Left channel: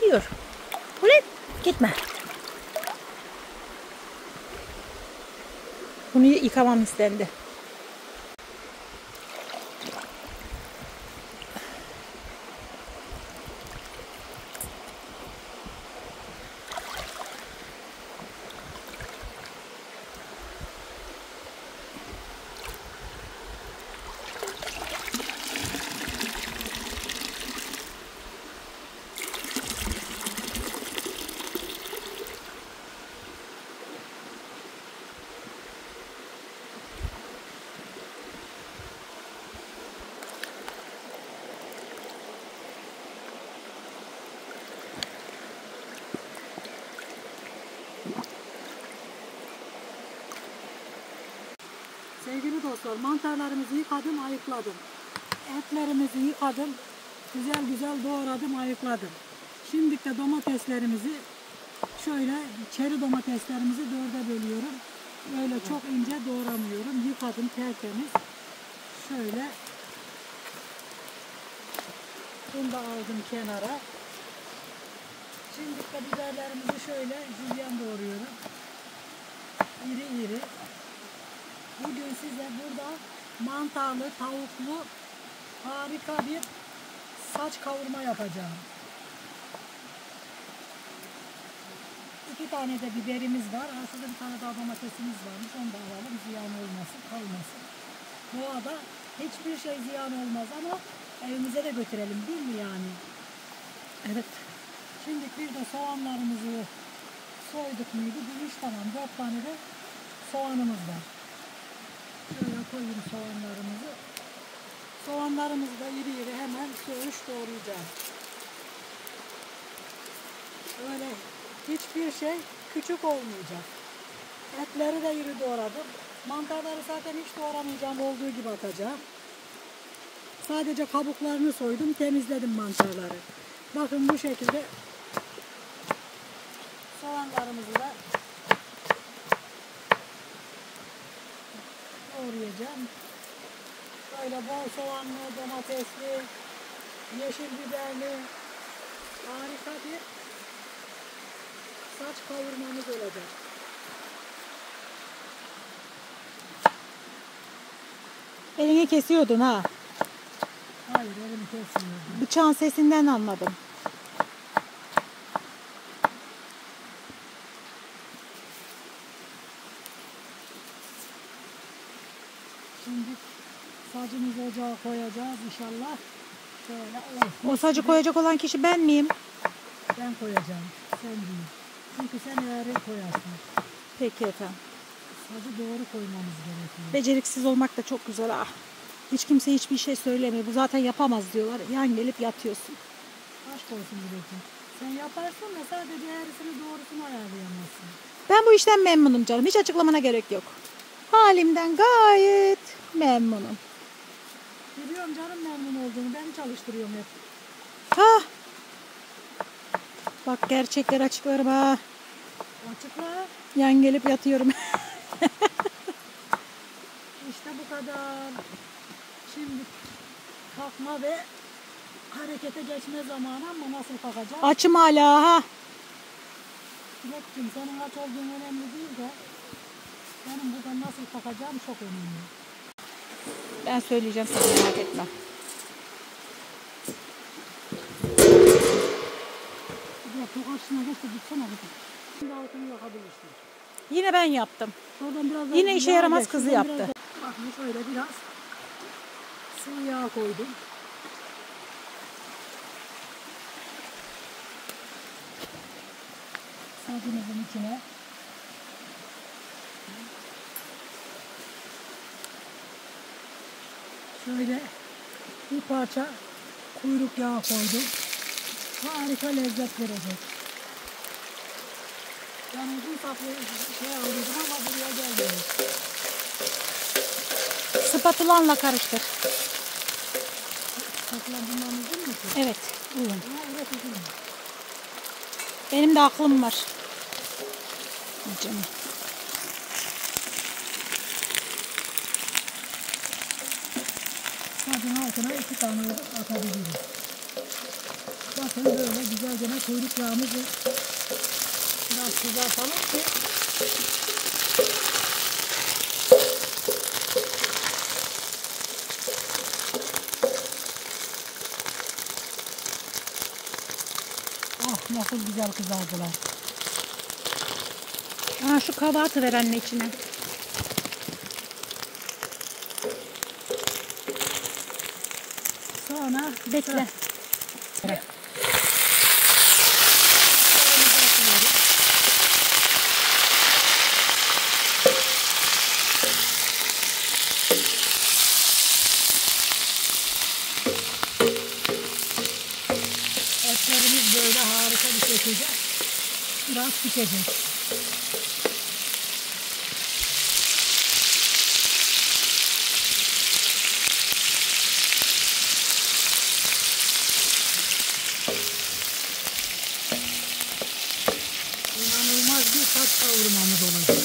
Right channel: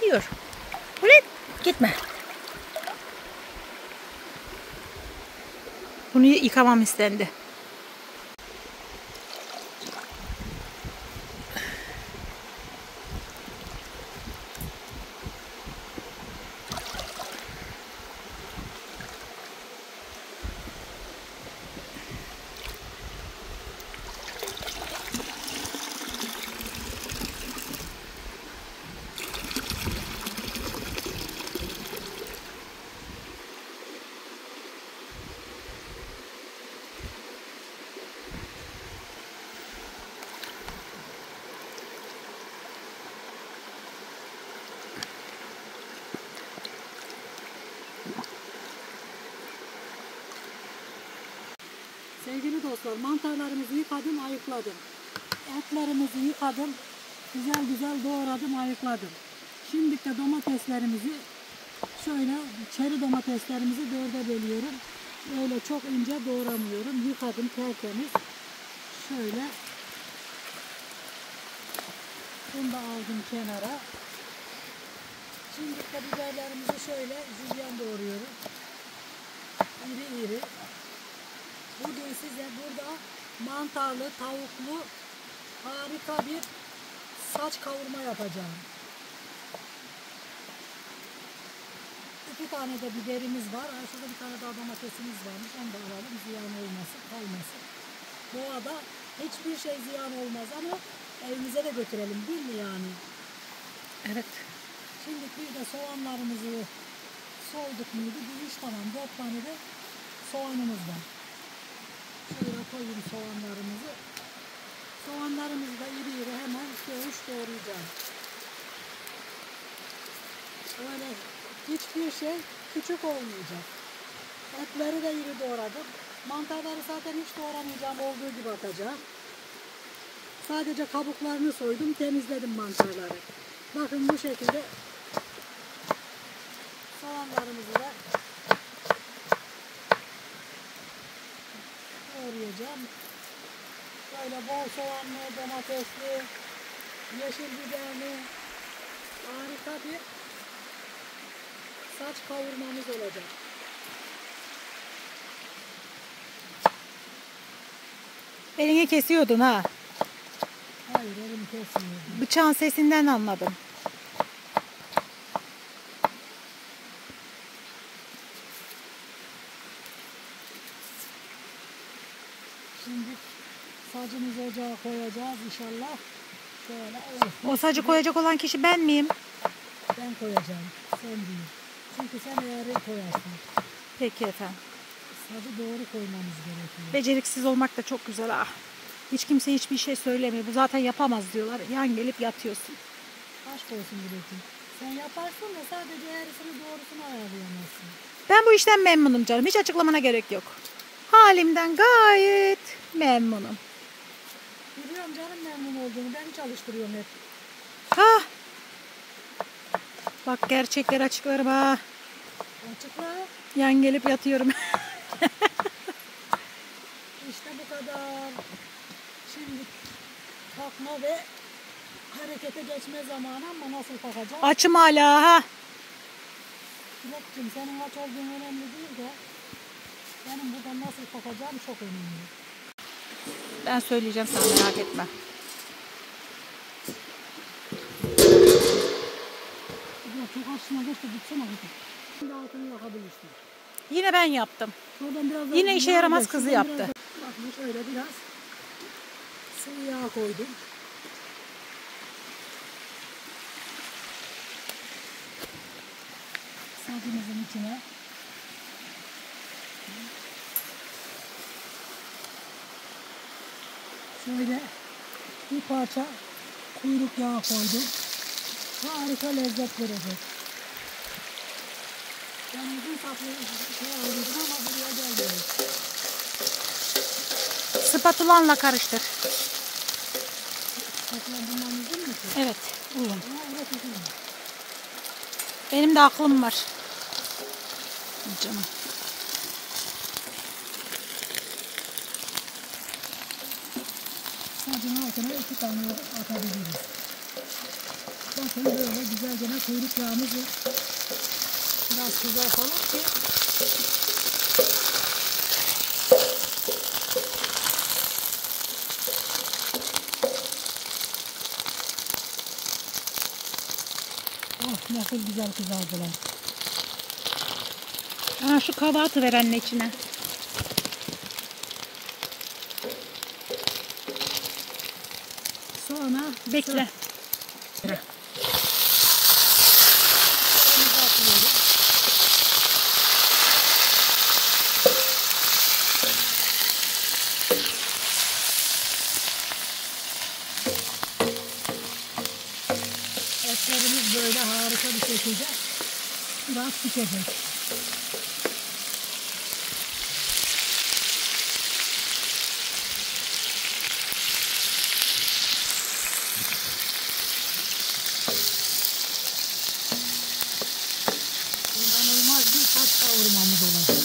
gidiyor. Ulan gitme. Bunu yıkamam istendi. Sevgili dostlar, mantarlarımızı yıkadım, ayıkladım. Etlerimizi yıkadım, güzel güzel doğradım, ayıkladım. Şimdi de domateslerimizi şöyle, çeri domateslerimizi 4'e bölüyorum. Öyle çok ince doğramıyorum. Yıkadım tertemiz. Şöyle. Bunu da aldım kenara. Şimdi de biberlerimizi şöyle jülyen doğruyorum. İri iri. Bugün size burada mantarlı, tavuklu harika bir saç kavurma yapacağım. 2 tane de biberimiz var. Şurada bir tane daha domatesimiz varmış. Onu da alalım. Ziyan olmasın, kalmasın. Doğada hiçbir şey ziyan olmaz ama evimize de götürelim, değil mi yani? Evet. Şimdi bir de soğanlarımızı soyduk muydu? Bu iş tamam. 4 tane de soğanımız var. Şöyle koyayım soğanlarımızı. Soğanlarımızı da iri iri hemen söğüş doğrayacağım. Öyle hiçbir şey küçük olmayacak. Etleri de iri doğradım. Mantarları zaten hiç doğramayacağım, olduğu gibi atacağım. Sadece kabuklarını soydum, temizledim mantarları. Bakın bu şekilde soğanlarımızı da doğrayacağım. Böyle bol soğanlı, domatesli, yeşil biberli harika bir saç kavurmamız olacak. Elini kesiyordun ha. Hayır, elimi kesmiyordum. Bıçağın sesinden anladım. Şimdi sacımızı ocağa koyacağız inşallah. Şöyle olsun. O sacı koyacak olan kişi ben miyim? Ben koyacağım. Sen değil. Çünkü sen yarı koyarsın. Peki efendim. Sacı doğru koymamız gerekiyor. Beceriksiz olmak da çok güzel ha. Hiç kimse hiçbir şey söylemiyor. Bu zaten yapamaz diyorlar. Yan gelip yatıyorsun. Aşk olsun Dilek'ciğim. Sen yaparsın da sadece eğrisini doğrusunu ayarlayamazsın. Ben bu işten memnunum canım. Hiç açıklamana gerek yok. Halimden gayet memnunum. Biliyorum canım memnun olduğunu. Ben çalıştırıyorum hep. Ha. Bak gerçekler açıklarım ha. Açıkla. Yan gelip yatıyorum. İşte bu kadar. Şimdi kalkma ve harekete geçme zamanı ama nasıl kalkacağız? Açım hala ha. Dilek'ciğim senin aç olduğun önemli değil de benim buradan nasıl kalkacağım çok önemli. Ben söyleyeceğim sana, merak etme. Bak bu karşısına geç de bitsene kızım. Şimdi altını yakabilirsin. Yine ben yaptım. Şuradan biraz Yine işe yaramaz kızı yaptı. Bak şöyle biraz sıvı yağ koydum. Sacımızın içine şöyle bir parça kuyruk yağı koydum. Harika lezzet verecek. Ben uzun saplı şey alıyordum ama buraya gelmiyor. Spatulanla karıştır. Spatula bundan uzun mu ki? Evet. Buyurun. Ha, evet uzun. Benim de aklım var. Canım. Sacın altına 2 tane atabiliriz. Bakın böyle güzel gene kuyruk yağımızı biraz kızartalım ki oh nasıl güzel kızardılar. Aa, şu kaba atıver anne içine. Sonra Bekle. etlerimiz böyle harika bir şekilde biraz pişecek. İnanılmaz bir tat kavurmamız olacak.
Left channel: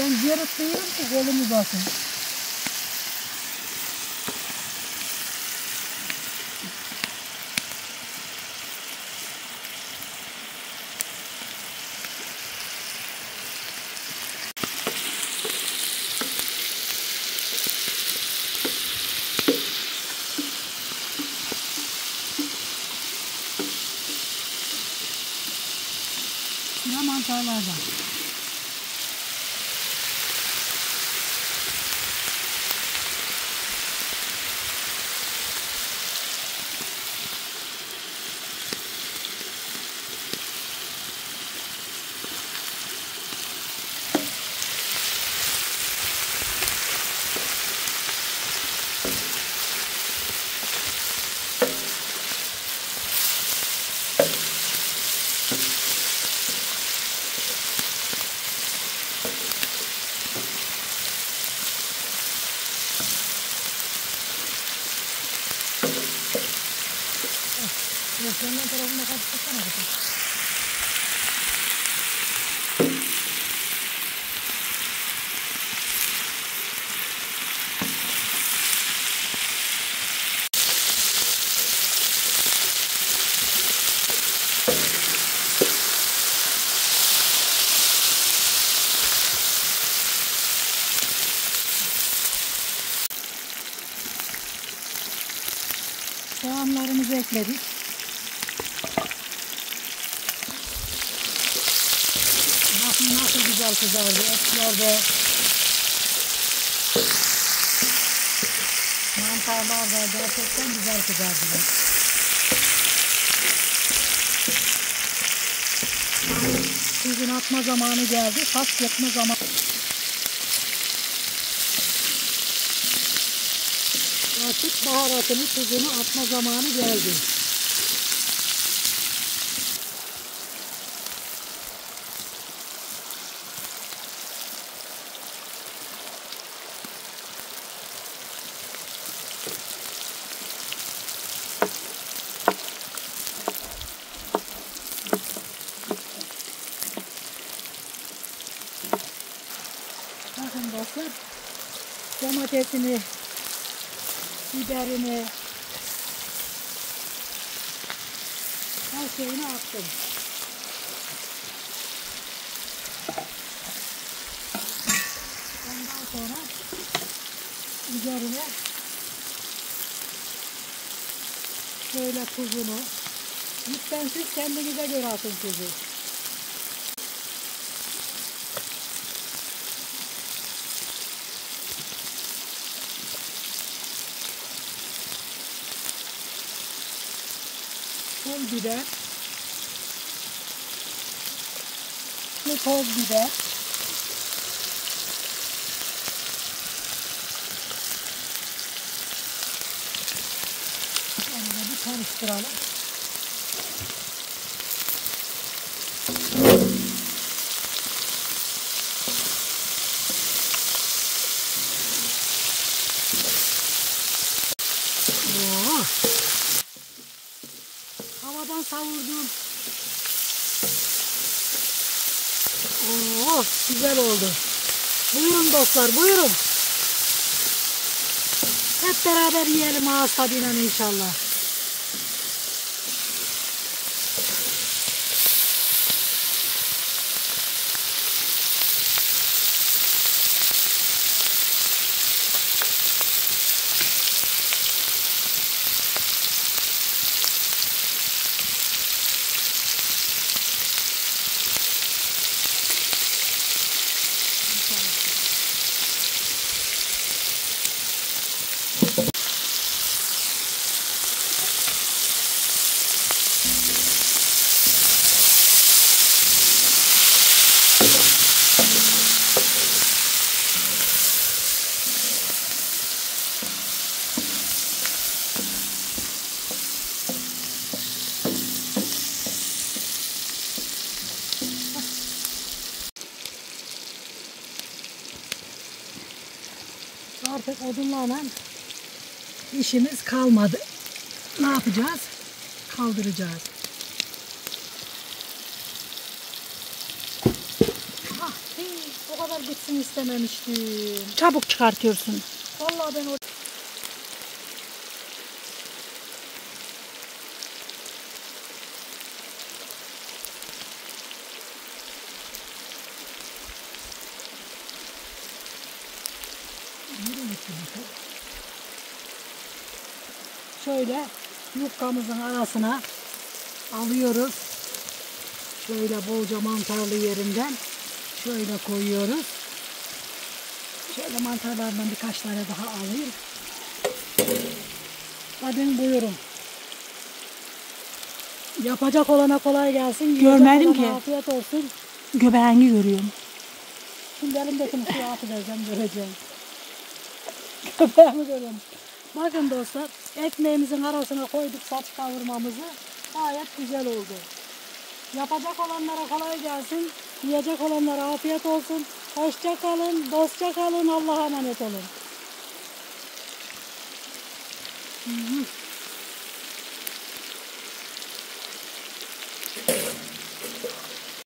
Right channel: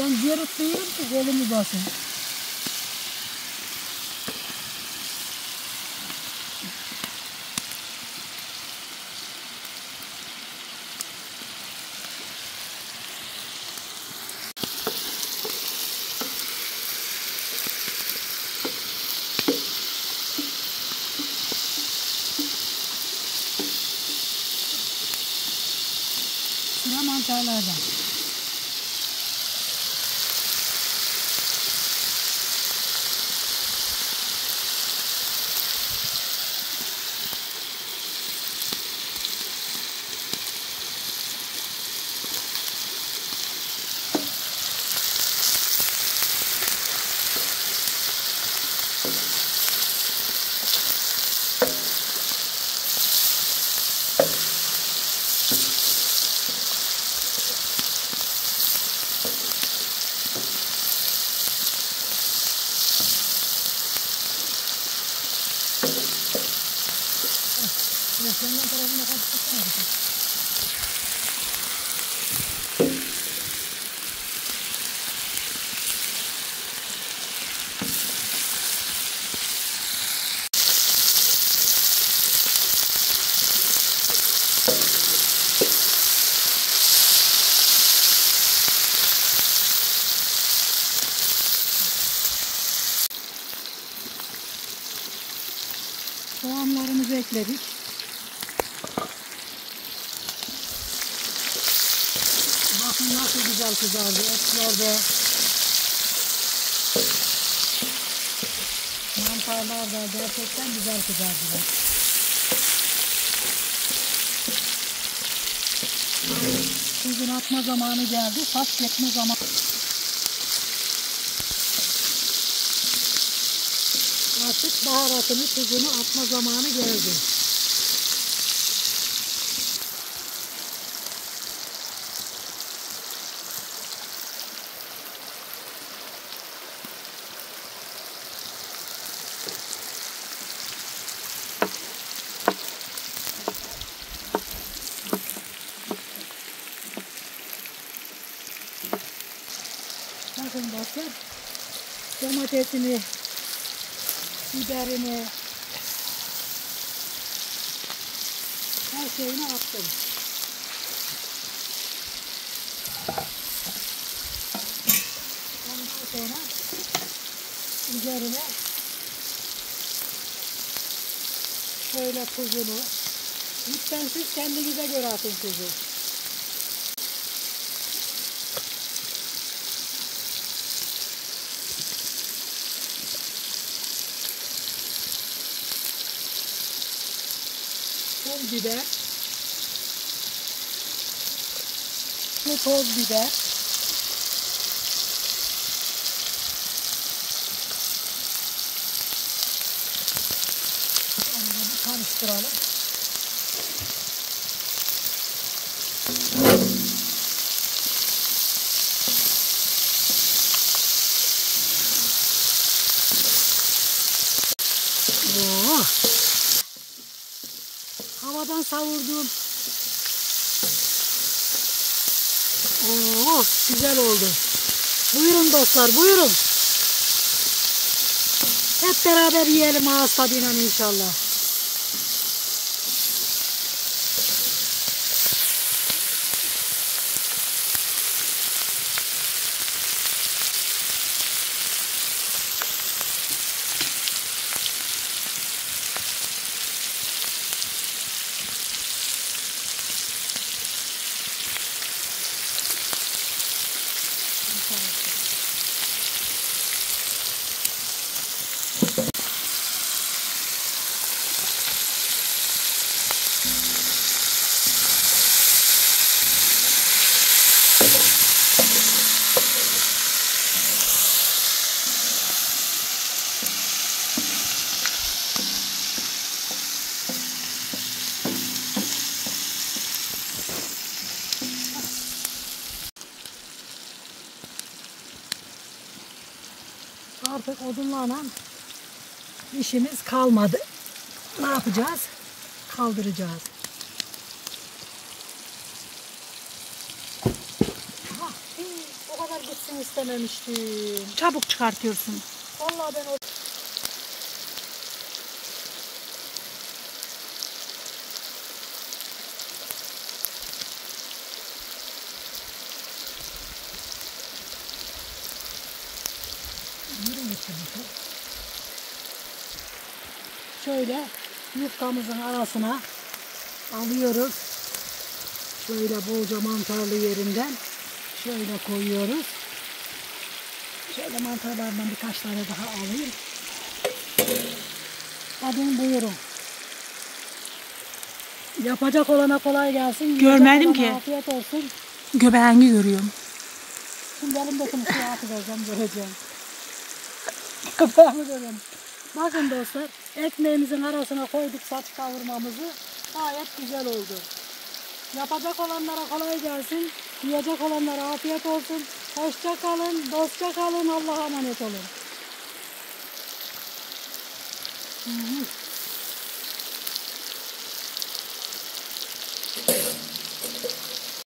Ben yarıtlıyorum ki kolumu basın. Sıra mantarlardan. Yandan tarafına kaçtırsana kızım. Soğanlarımızı ekledik. Bakın nasıl güzel kızardı etler de. Mantarlar da gerçekten güzel kızardılar. Tuzunu atma zamanı geldi. Saç yapma zamanı. Artık baharatını, tuzunu atma zamanı geldi. Bakın dostlar, domatesini, biberini, Her şeyini attım. Ondan sonra üzerine şöyle tuzunu, lütfen siz kendinize göre atın tuzu. Pul biber, toz biber, onu bir karıştıralım. Havadan savurduğum. Güzel oldu. Buyurun dostlar, buyurun. Hep beraber yiyelim ağız tadıyla inşallah. Artık odunlarla işimiz kalmadı. Ne yapacağız? Kaldıracağız. O kadar gitsin istememiştim. Çabuk çıkartıyorsun. Vallahi ben o... Şöyle yufkamızın arasına alıyoruz. Şöyle bolca mantarlı yerinden şöyle koyuyoruz. Şöyle mantarlardan birkaç tane daha alayım. Hadi buyurun. Yapacak olana kolay gelsin. Görmedim ki. Afiyet olsun. Göbeğini görüyorum. Şimdi elimdekini suya atıvereceğim, göreceğim. Göbeğimi görüyorum. Bakın dostlar, ekmeğimizin arasına koyduk saç kavurmamızı. Gayet güzel oldu. Yapacak olanlara kolay gelsin. Yiyecek olanlara afiyet olsun. Hoşça kalın, dostça kalın. Allah'a emanet olun.